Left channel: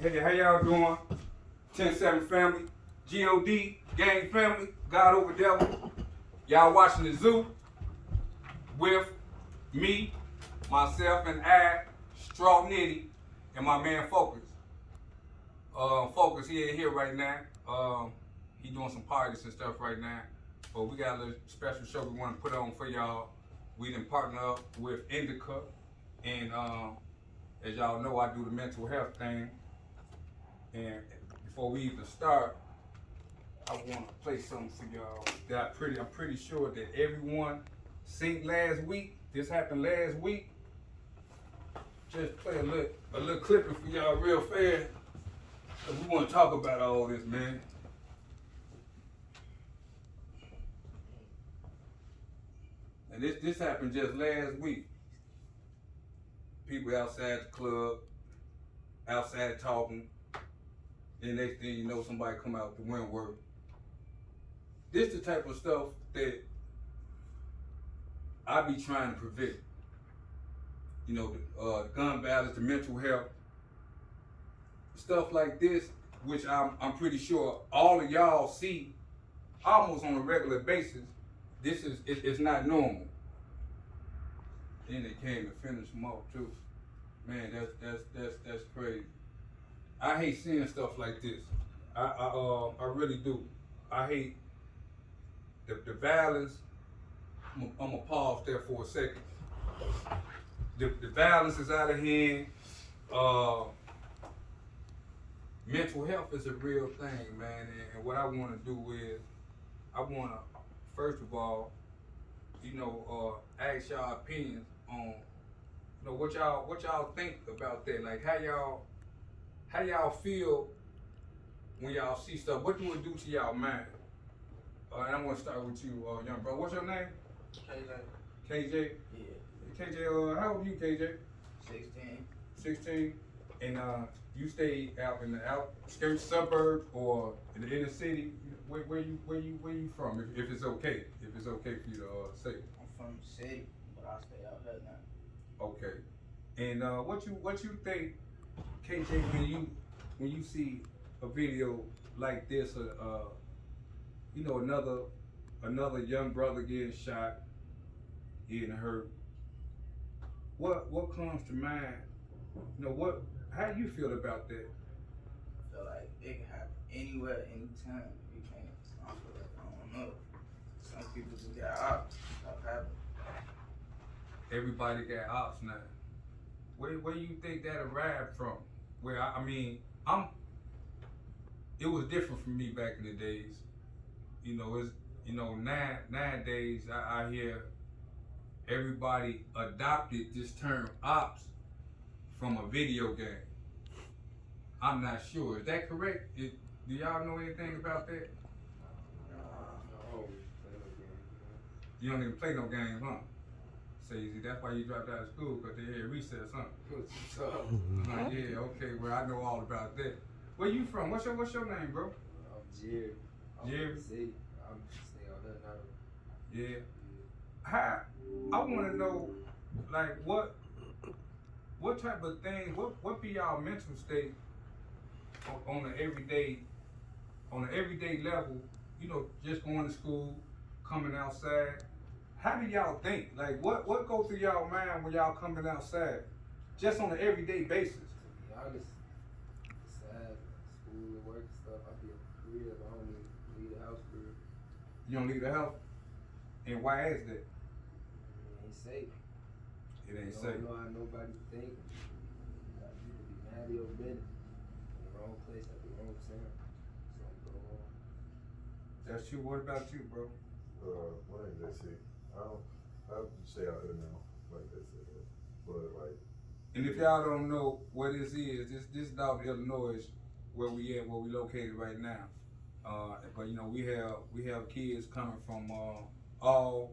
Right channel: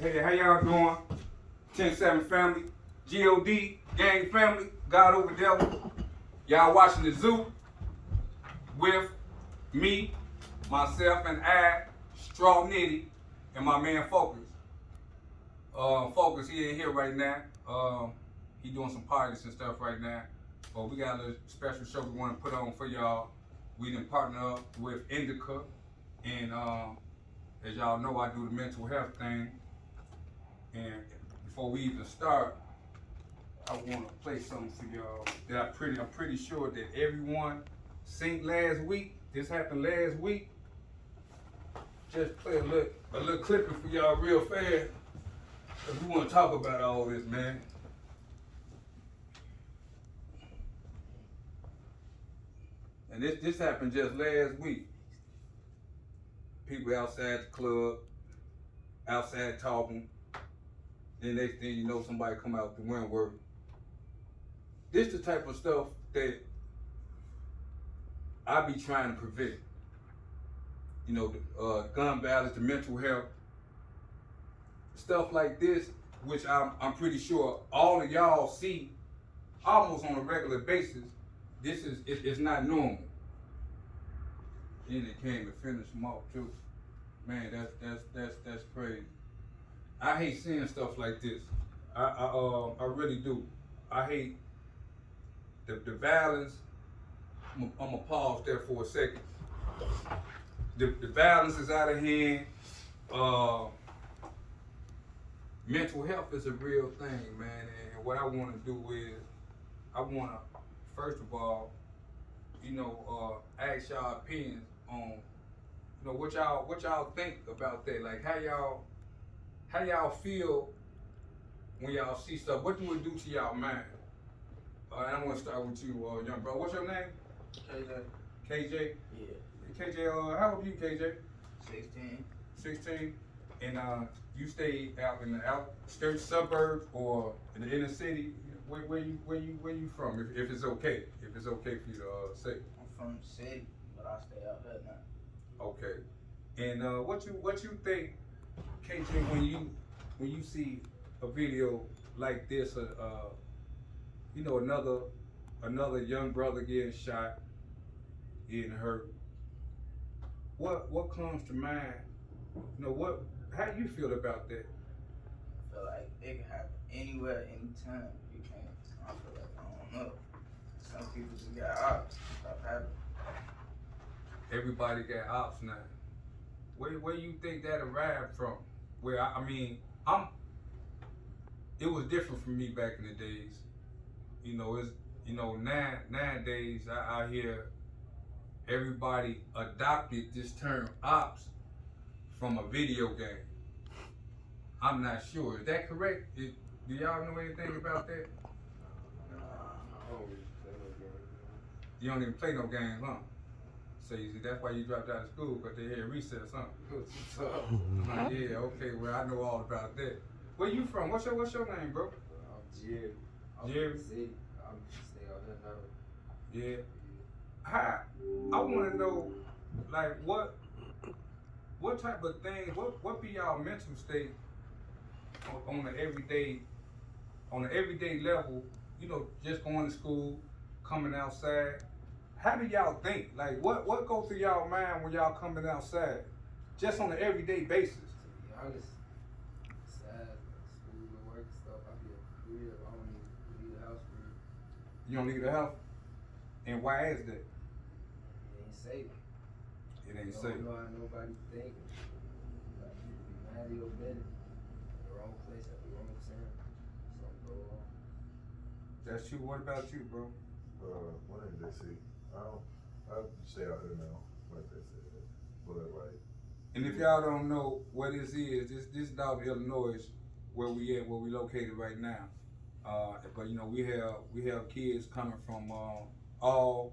Hey, how y'all doing? 10-7 family, G-O-D, gang family, God over devil. Y'all watching the zoo with me, myself, and Straw Nitti, and my man Focus. Focus, he ain't here right now. He doing some parties and stuff right now. But we got a little special show we want to put on for y'all. We done partner up with NDICA, and as y'all know, I do the mental health thing. And before we even start, I want to play something for y'all that I'm pretty sure that everyone seen last week. This happened last week. Just play a little clipping for y'all real fast, cause we want to talk about all this, man. And this happened just last week. People outside the club, outside talking. Then next thing you know, somebody come out the Wentworth. This the type of stuff that I be trying to prevent. You know, the gun violence, the mental health, stuff like this, which I'm pretty sure all of y'all see almost on a regular basis. This is it's not normal. Then they came and finished them off too. Man, that's crazy. I hate seeing stuff like this. I really do. I hate the violence. I'm gonna pause there for a second. The violence is out of hand. Mental health is a real thing, man. And what I want to do is, I want to first of all, ask y'all opinions on, what y'all think about that. Like how y'all feel when y'all see stuff. What do it do to y'all mind? And I'm gonna start with you, young bro. What's your name? KJ. KJ. Yeah. KJ. How old are you, KJ? 16. 16. And you stay out in the outskirts, suburbs, or in the inner city. Where you from? If it's okay, for you to say. I'm from the city, but I stay out there now. Okay. And what you think, KJ, when you see a video like this, another young brother getting shot, getting hurt. What comes to mind? How do you feel about that? I feel like it can happen anywhere, anytime. You can't. I feel like I don't know. Some people just got ops. Stuff happen. Everybody got ops now. Where do you think that arrived from? Where it was different for me back in the days. Nowadays I hear everybody adopted this term ops from a video game. I'm not sure. Is that correct? Do y'all know anything about that? You don't even play no games, huh? So you see, that's why you dropped out of school, because they had recess, huh? Yeah, okay, well, I know all about that. Where you from? What's your name, bro? I'm Jerry. Jerry? I'm staying out there now. Yeah. I want to know, like, what type of things, what be y'all mental state on the everyday level, just going to school, coming outside. How do y'all think? Like, what goes through y'all mind when y'all coming outside, just on an everyday basis? To be honest, sad, school and work and stuff, I be at the crib. I don't even leave the house, bro. You don't leave the house? And why is that? It ain't safe. It ain't You safe. don't know how nobody think. Like, you could be mad at your business. Wrong place at the wrong time. Something go on. That's true. What about you, bro? My name's JC. I stay out here now, like they said. But like, And if y'all don't know where this is, this is out in Illinois, where we located right now. But we have kids coming from all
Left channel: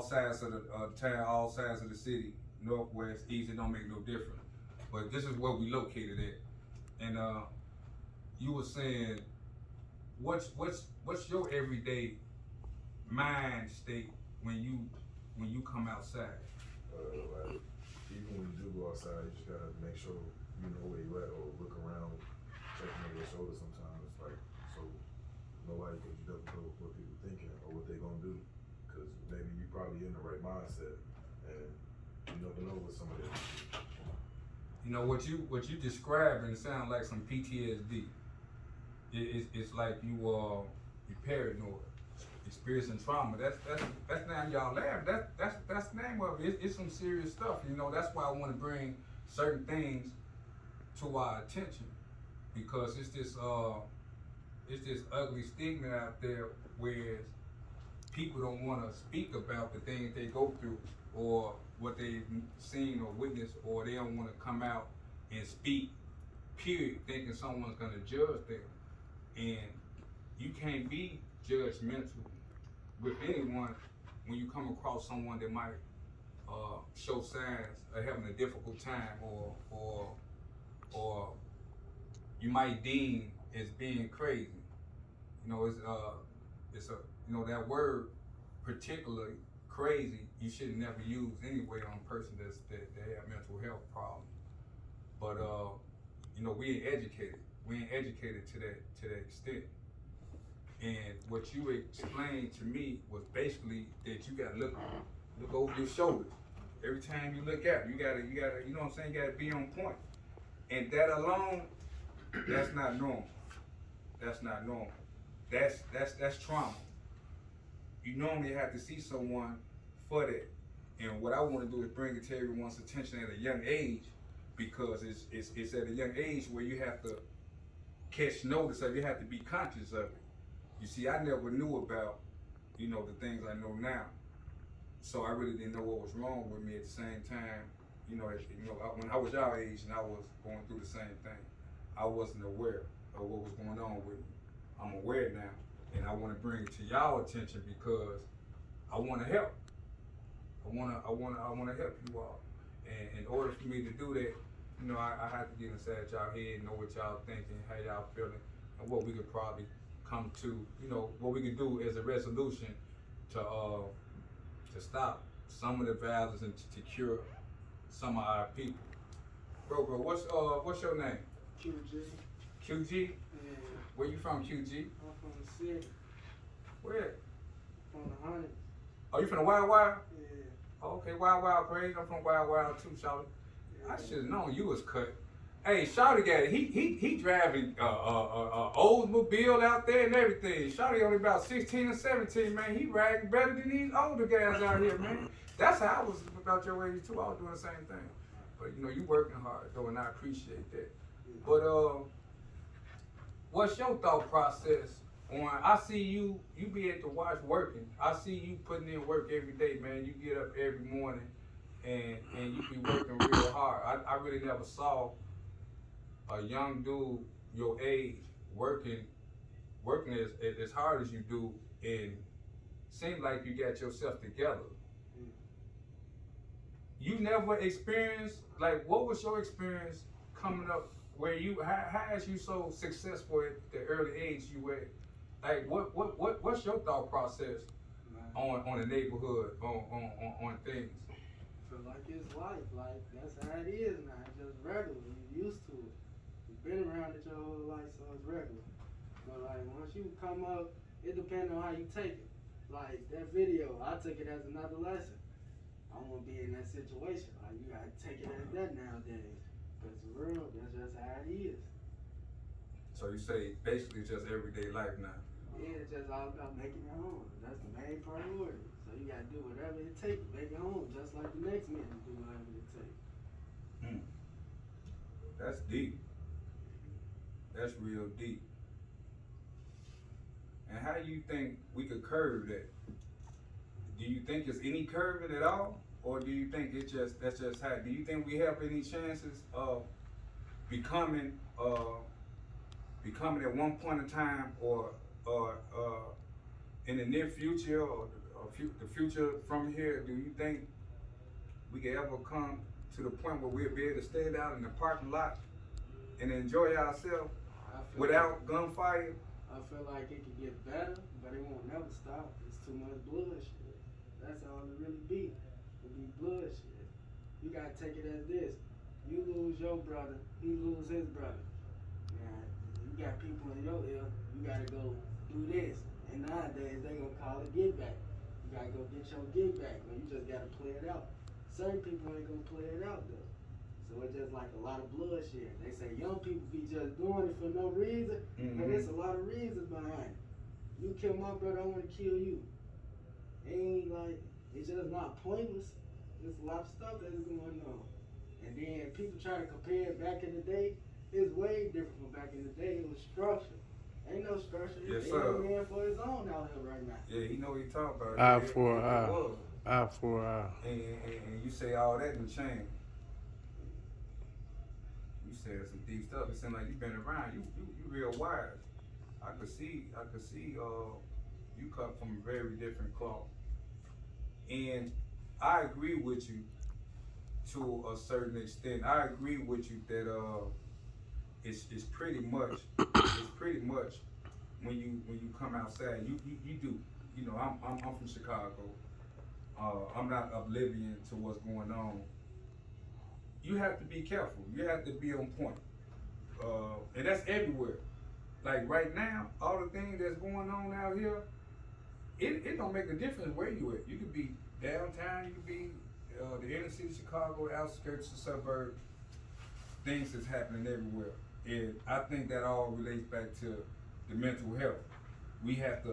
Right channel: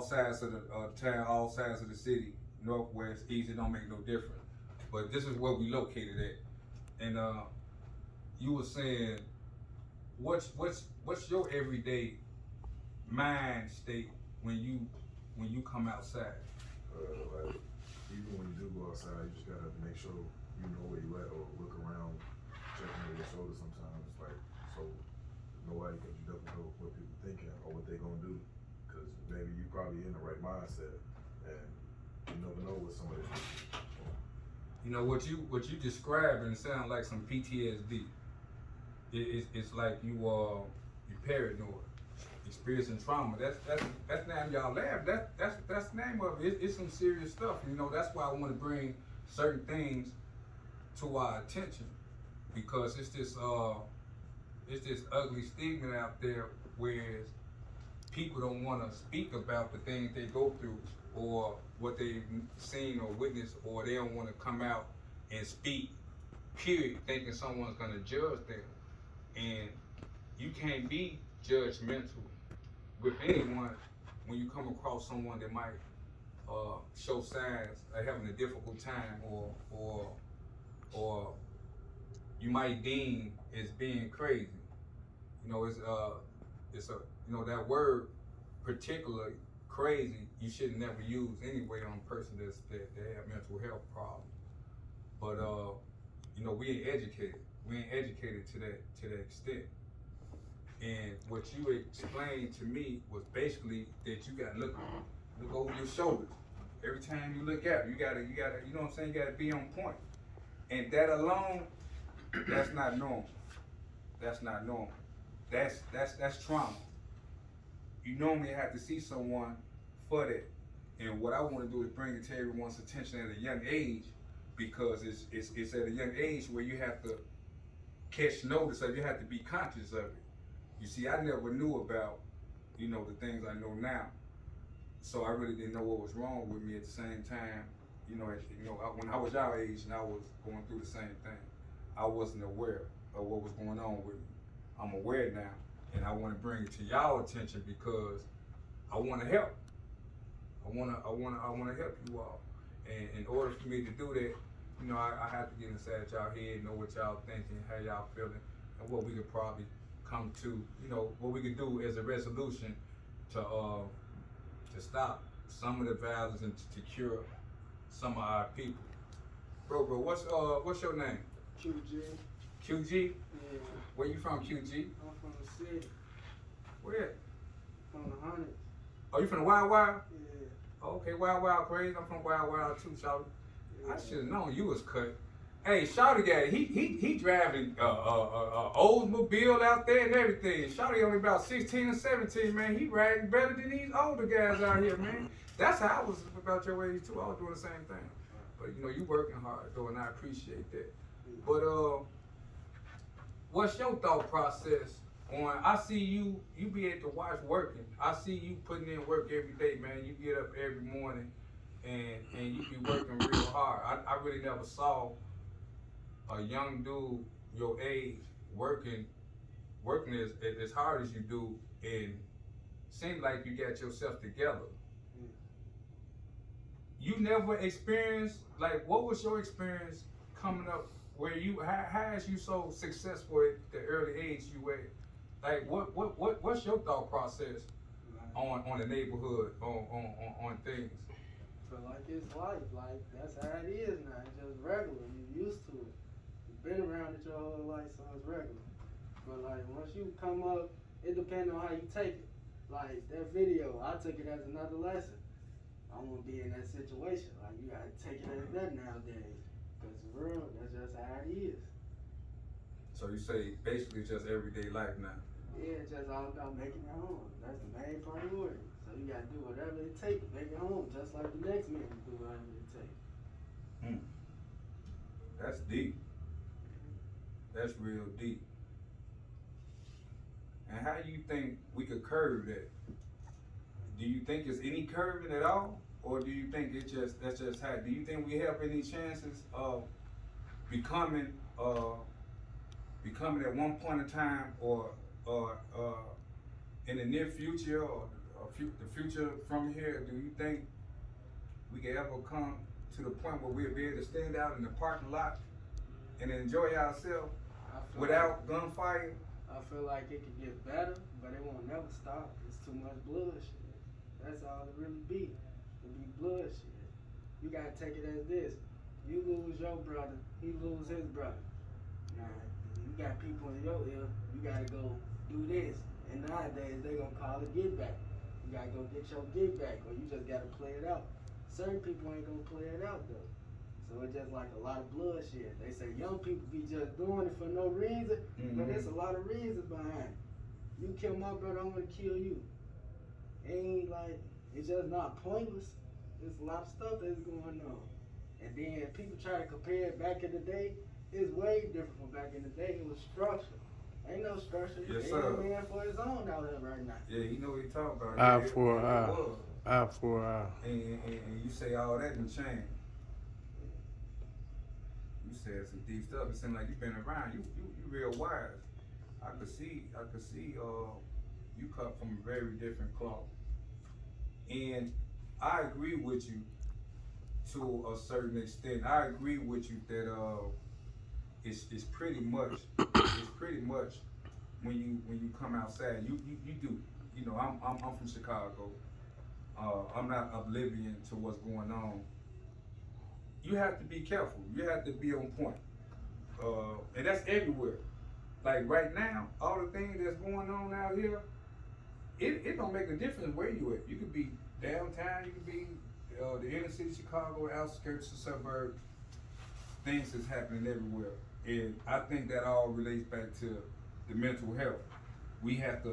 sides of the town, all sides of the city, northwest, east. It don't make no difference. But this is where we located at. And you were saying, what's your everyday mind state when you come outside? like even when you do go outside, you just gotta make sure you you know where you at, or look around, checking over your shoulder sometimes, like, so nobody, cause you never know what people thinking or what they gonna do, cause maybe you probably in the right mindset, and you never know what somebody else do. You know what you describing sound like some PTSD. It's like you paranoid, experiencing trauma. That's not y'all laugh. That's the name of it. It's some serious stuff. You know, that's why I want to bring certain things to our attention, because it's this ugly stigma out there, whereas people don't want to speak about the things they go through or what they've seen or witnessed, or they don't want to come out and speak, period, thinking someone's going to judge them. And you can't be judgmental with anyone when you come across someone that might show signs of having a difficult time, or you might deem as being crazy. You know, it's a you know, that word particularly crazy you should never use anyway on a person that have mental health problems. But you know, we ain't educated. We ain't educated to that extent. And what you explained to me was basically that you gotta look over your shoulders. Every time you look out, you gotta, you know what I'm saying, you gotta be on point. And that alone, that's not normal. That's not normal. That's trauma. You normally have to see someone for that. And what I want to do is bring it to everyone's attention at a young age, because it's at a young age where you have to catch notice of, you have to be conscious of it. You see, I never knew about, you know, the things I know now. So I really didn't know what was wrong with me at the same time. You know, when I was your age and I was going through the same thing, I wasn't aware of what was going on with me. I'm aware now, and I want to bring it to y'all attention because I want to help. I want to help you all. And in order for me to do that, you know, I have to get inside y'all head, know what y'all thinking, how y'all feeling, and what we could probably come to, you know, what we could do as a resolution to stop some of the violence and to cure some of our people. Bro, what's your name? QG. QG? Yeah. Where you from, QG? I'm from the city. Where? From the hundreds. Oh, you from the Wild Wild? Yeah. Oh, okay, Wild crazy. I'm from Wild too, Shawty. Yeah. I should have known you was cut. Hey, Shawty got it. He driving Oldsmobile out there and everything. Shawty only about 16 or 17, man. He riding better than these older guys out here, man. That's how I was about your age too. I was doing the same thing. But you know, you working hard though, and I appreciate that. But what's your thought process on? I see you be at the watch working. I see you putting in work every day, man. You get up every morning and you be working real hard. I really never saw a young dude your age working as hard as you do, and seem like you got yourself together. You never experienced, like, what was your experience coming up where you, how is you so successful at the early age you were? Like, what's your thought process on the neighborhood, on things? Feel like it's life, like that's how it is now. It's just regular. You used to it. You've been around it your whole life, so it's regular. But like once you come up, it depends on how you take it. Like that video, I took it as another lesson. I won't be in that situation. Like you gotta take it as that nowadays. Cause for real, that's just how it is. So you say basically it's just everyday life now. Yeah, it's just all about making it home. That's the main priority. So you gotta do whatever it takes to make it home, just like the next man do whatever it takes. That's deep. That's real deep. And how do you think we could curb that? Do you think there's any curving at all? Or do you think that's just how? Do you think we have any chances of becoming at one point in time, or in the near future, or the future from here? Do you think we can ever come to the point where we'll be able to stand out in the parking lot and enjoy ourselves without gunfire? I feel like it could get better, but it won't never stop. It's too much bloodshed. That's all it really be. It be bloodshed. You gotta take it as this. You lose your brother, he lose his brother. Now, you got people in your ear, you gotta go do this. And nowadays, they gonna call it get back. You gotta go get your get back, or you just gotta play it out. Certain people ain't gonna play it out, though. So it's just like a lot of bloodshed. They say young people be just doing it for no reason, but there's a lot of reasons behind it. You kill my brother, I'm gonna kill you. It ain't like, it's just not pointless. There's a lot of stuff that's going on. And then people try to compare it back in the day. It's way different from back in the day. It was structure. Ain't no structure. Yes, Ain't sir. no man for his own out here right now. Yeah, you know what he talking about. Eye It- for it eye. was. Eye for eye. And you say all that and change. You said some deep stuff. It seemed like you've been around. You real wise. I could see you come from a very different cloth. And I agree with you to a certain extent. I agree with you that it's pretty much when you come outside, you do. You know, I'm from Chicago. I'm not oblivion to what's going on. You have to be careful. You have to be on point. And that's everywhere. Like right now, all the things that's going on out here, it don't make a difference where you at. You could be downtown, you could be the inner city of Chicago, outskirts of suburbs. Things is happening everywhere. And I think that all relates back to the mental health. We have to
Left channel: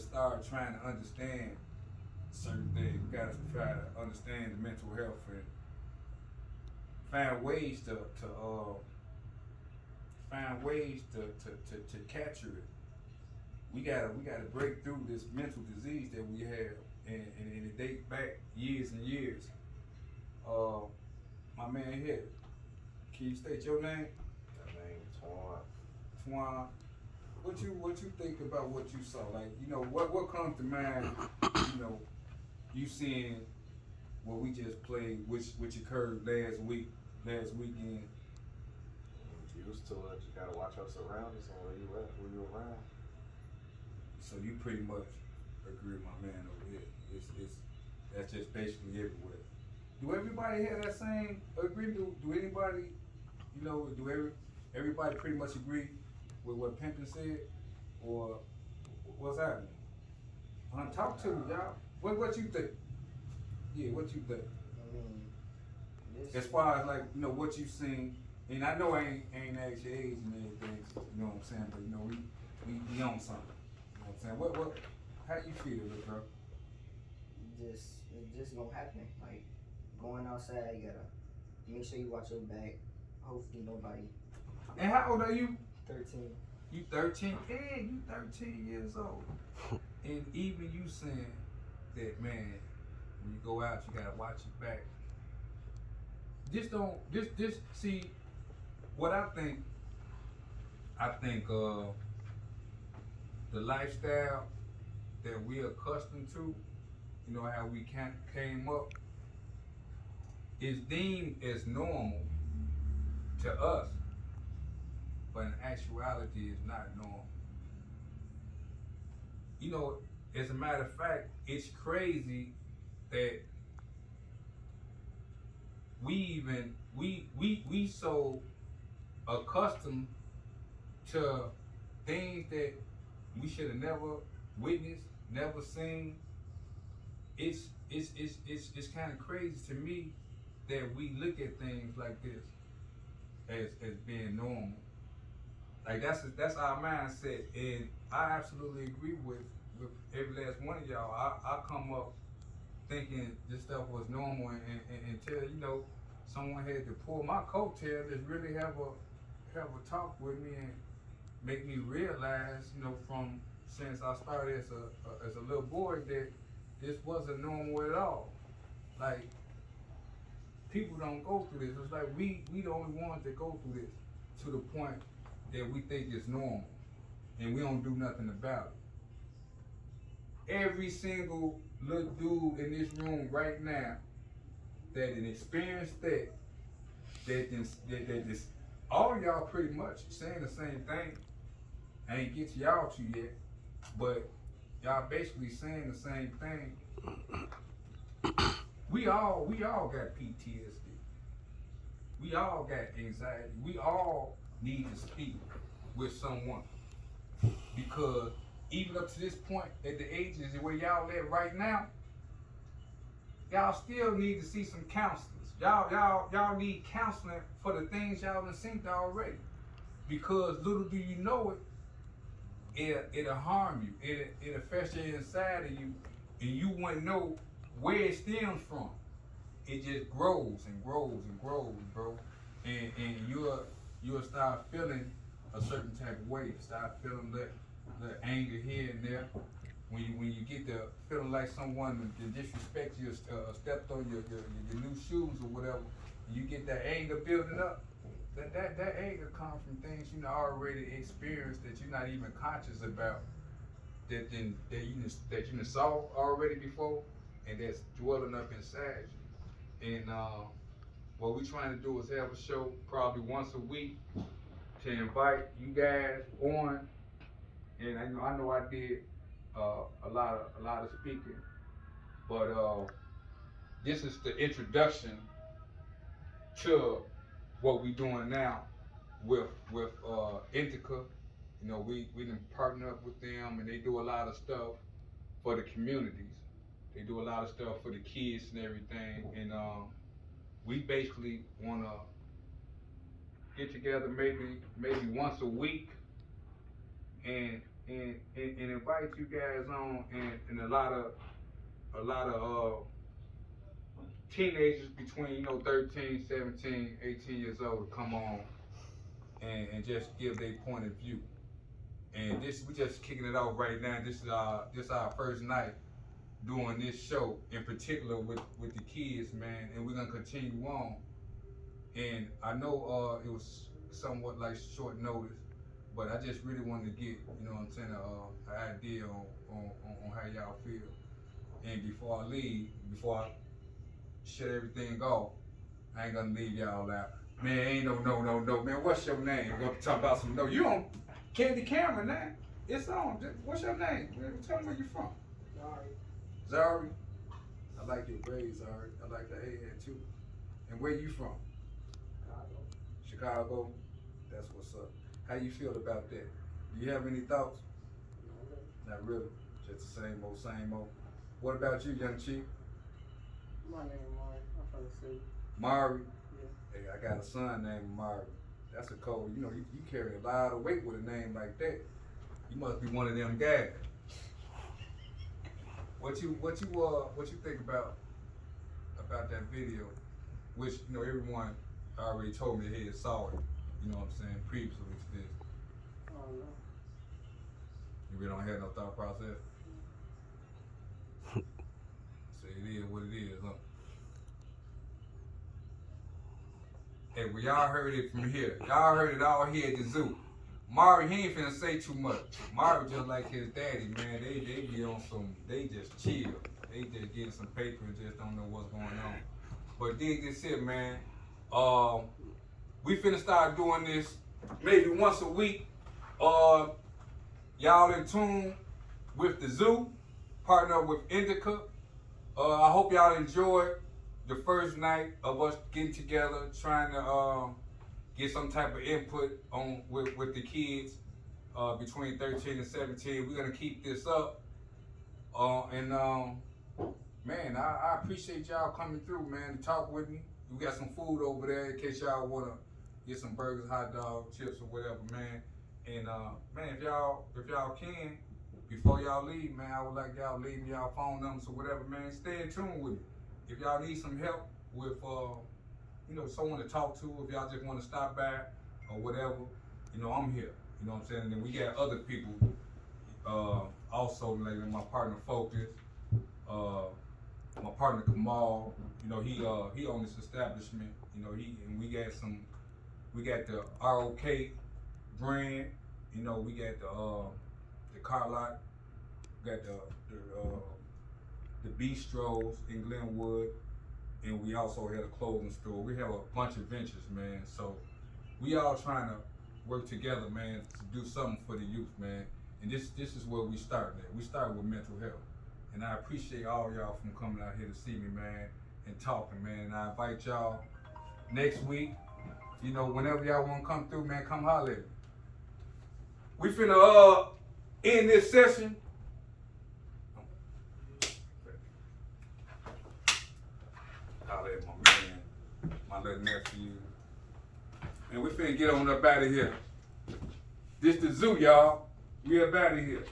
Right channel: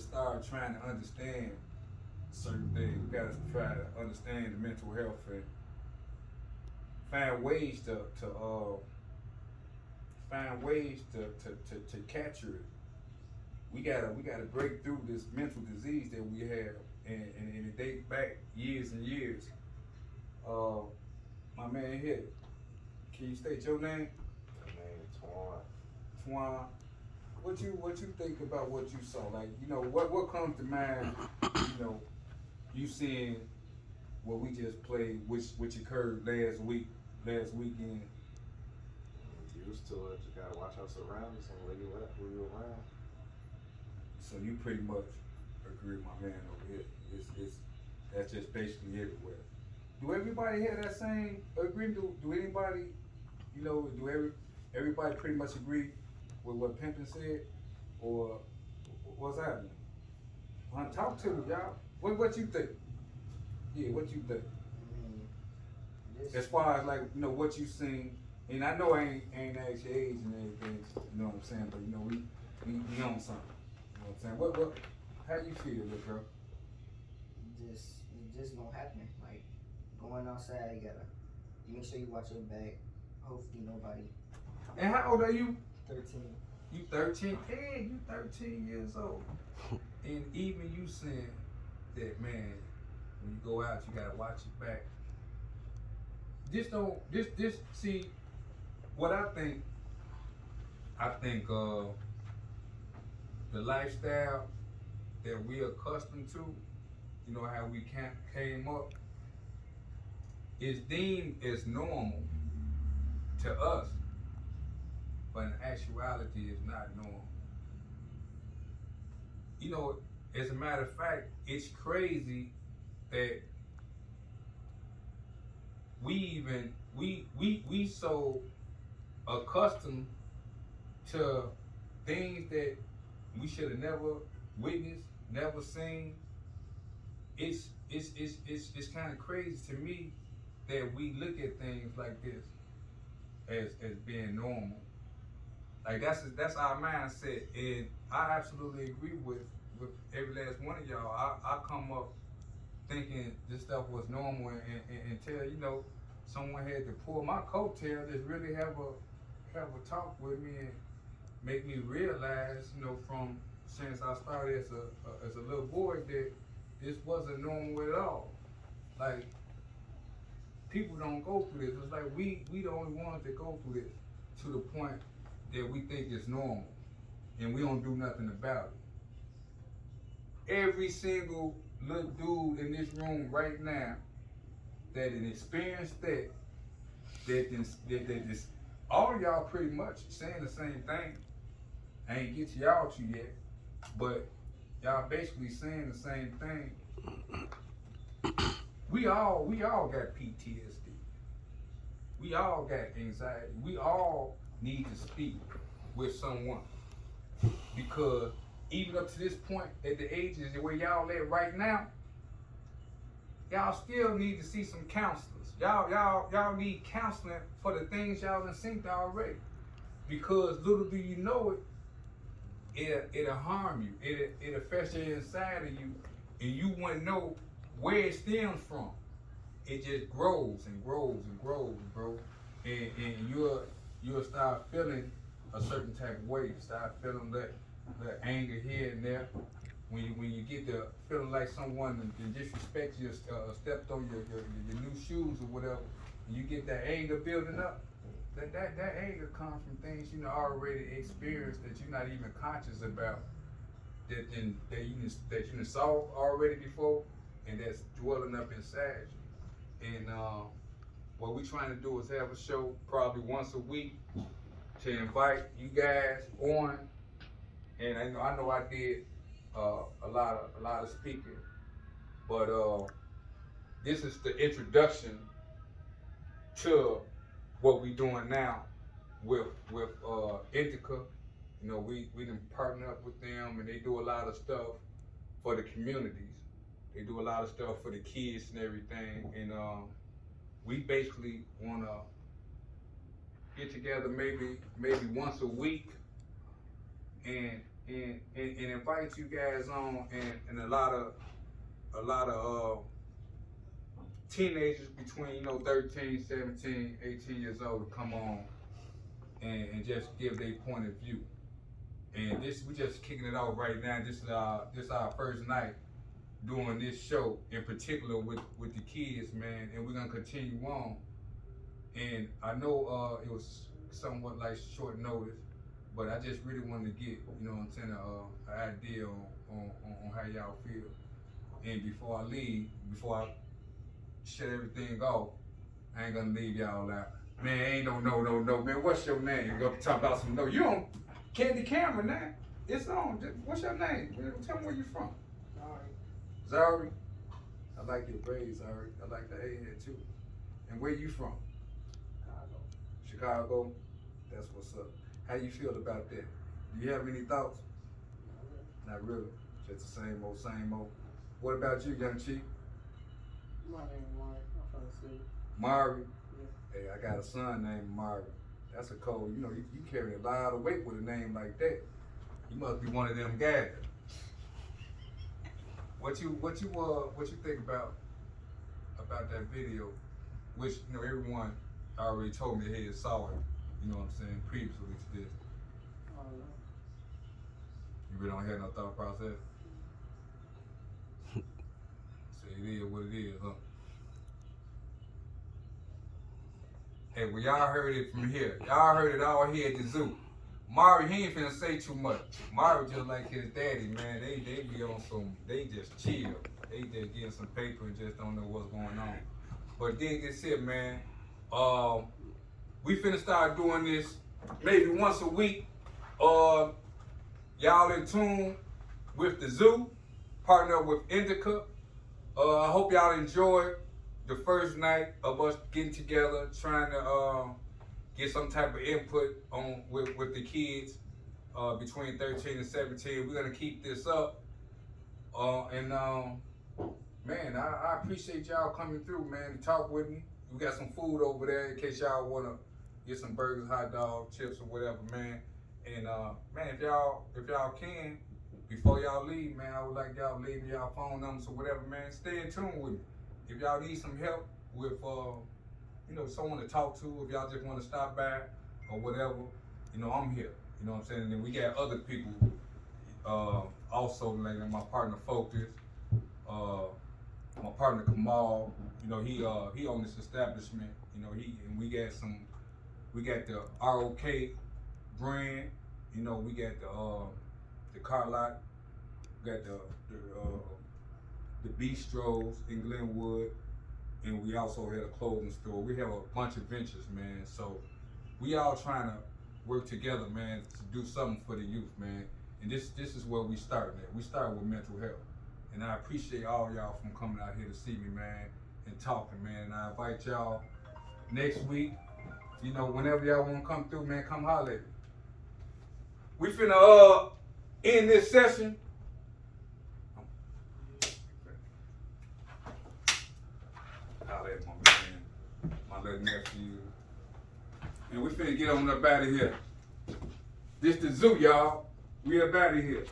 start trying to understand certain things. We gotta try to understand the mental health and find ways to capture it. We gotta break through this mental disease that we have, and it dates back years and years. My man here, can you state your name? My name is Twan. Twan, what you think about what you saw? Like, you know, what comes to mind, you know, you seeing what we just played, which occurred last weekend. Used to it, you gotta watch your surroundings and where you at, where you around. So you pretty much agree with my man over here. It's that's just basically everywhere. Do everybody have that same agree? Do anybody, you know, everybody pretty much agree with what Pimpin said, or what's happening? Talk to me, y'all. What you think? Yeah, what you think? I mean, this. As far as like, you know, what you seen, and I know I ain't asked your age and everything, you know what I'm saying, but you know, we on something. You know what I'm saying? What how you feel, little girl? It's just gonna happen. Like going outside, you gotta make sure you watch your back. Hopefully nobody. And how old are you? 13. You 13? Yeah, you 13 years old. And even you saying that, man, when you go out, you gotta watch your back. See, what I think the lifestyle that we're accustomed to, you know, how we came up, is deemed as normal to us, but in actuality it's not normal. You know, as a matter of fact, it's crazy that we so accustomed to things that we should have never witnessed, never seen. It's kind of crazy to me that we look at things like this as being normal. Like that's our mindset, and I absolutely agree with every last one of y'all. I come up thinking this stuff was normal, and until, you know, someone had to pull my coattail, just really have a talk with me and make me realize, you know, from since I started as a little boy, that this wasn't normal at all. Like, people don't go through this. It's like we the only ones that go through this to the point that we think it's normal, and we don't do nothing about it. Every single little dude in this room right now that an experienced that all y'all pretty much saying the same thing. I ain't get to y'all two yet, but y'all basically saying the same thing. We all got PTSD. We all got anxiety. We all need to speak with someone. Because even up to this point, at the ages where y'all at right now, y'all still need to see some counselors. Y'all need counseling for the things y'all done seen already. Because little do you know it'll harm you. It'll fester inside of you, and you wouldn't know where it stems from. It just grows and grows and grows, bro. And you'll start feeling a certain type of way. Start feeling that anger here and there. When you get the feeling like someone disrespect you, stepped on your new shoes or whatever, and you get that anger building up. That anger comes from things you already experienced that you're not even conscious about. That you saw already before, and that's dwelling up inside you. And what we're trying to do is have a show probably once a week to invite you guys on. And I know I did a lot of speaking, but this is the introduction to what we doing now with NDICA. You know, we done partner up with them, and they do a lot of stuff for the communities. They do a lot of stuff for the kids and everything, and we basically wanna get together maybe once a week and invite you guys on, and a lot of teenagers between 13, 17, 18 years old to come on and just give their point of view. And we just kicking it off right now. This is our first night doing this show in particular with the kids, man, and we're gonna continue on. And I know it was somewhat like short notice, but I just really wanted to get, an idea on how y'all feel. And before I leave, before I shut everything off, I ain't gonna leave y'all out. Man, ain't no, man, what's your name? We're talking about some no. You on Candy Camera now. It's on. What's your name, man? Tell me where you from. Zari. I like your braids, Zari. I like the A-head too. And where you from? Chicago? That's what's up. How you feel about that? Do you have any thoughts? Not really. Just the same old. What about you, young chief? My name is Mari. I'm from the city. Mari? Yeah. Hey, I got a son named Mari. That's a cold, you carry a lot of weight with a name like that. You must be one of them guys. What you think about that video? Which, everyone already told me they had saw it, previously to this. I don't know. You really don't have no thought process? So it is what it is, huh? Hey, well, y'all heard it from here. Y'all heard it all here at the zoo. Mari, he ain't finna say too much. Mari just like his daddy, man. They be on they just chill. They just getting some paper and just don't know what's going on. But dig this here, man. We finna start doing this maybe once a week. Y'all in tune with the zoo, partner up with NDICA. I hope y'all enjoyed the first night of us getting together, trying to get some type of input on with the kids between 13 and 17. We're gonna keep this up. Man, I appreciate y'all coming through, man, to talk with me. We got some food over there in case y'all wanna get some burgers, hot dogs, chips, or whatever, man. And man, if y'all can, before y'all leave, man, I would like y'all to leave me y'all phone numbers or whatever, man. Stay in tune with me. If y'all need some help with someone to talk to, if y'all just want to stop by or whatever, I'm here. You know what I'm saying? And then we got other people also, like my partner Focus, my partner Kamal. He owned this establishment. And we got the ROK brand. We got the car lot. We got the bistros in Glenwood, and we also had a clothing store. We have a bunch of ventures, man. So we all trying to work together, man, to do something for the youth, man. And this is where we start, man. We start with mental health. And I appreciate all y'all from coming out here to see me, man, and talking, man. And I invite y'all next week You know, whenever y'all wanna come through, man, come holler at me. We finna end this session. Holler at my man, my little nephew. And we finna get on up out of here. This the zoo, y'all. We up out of here.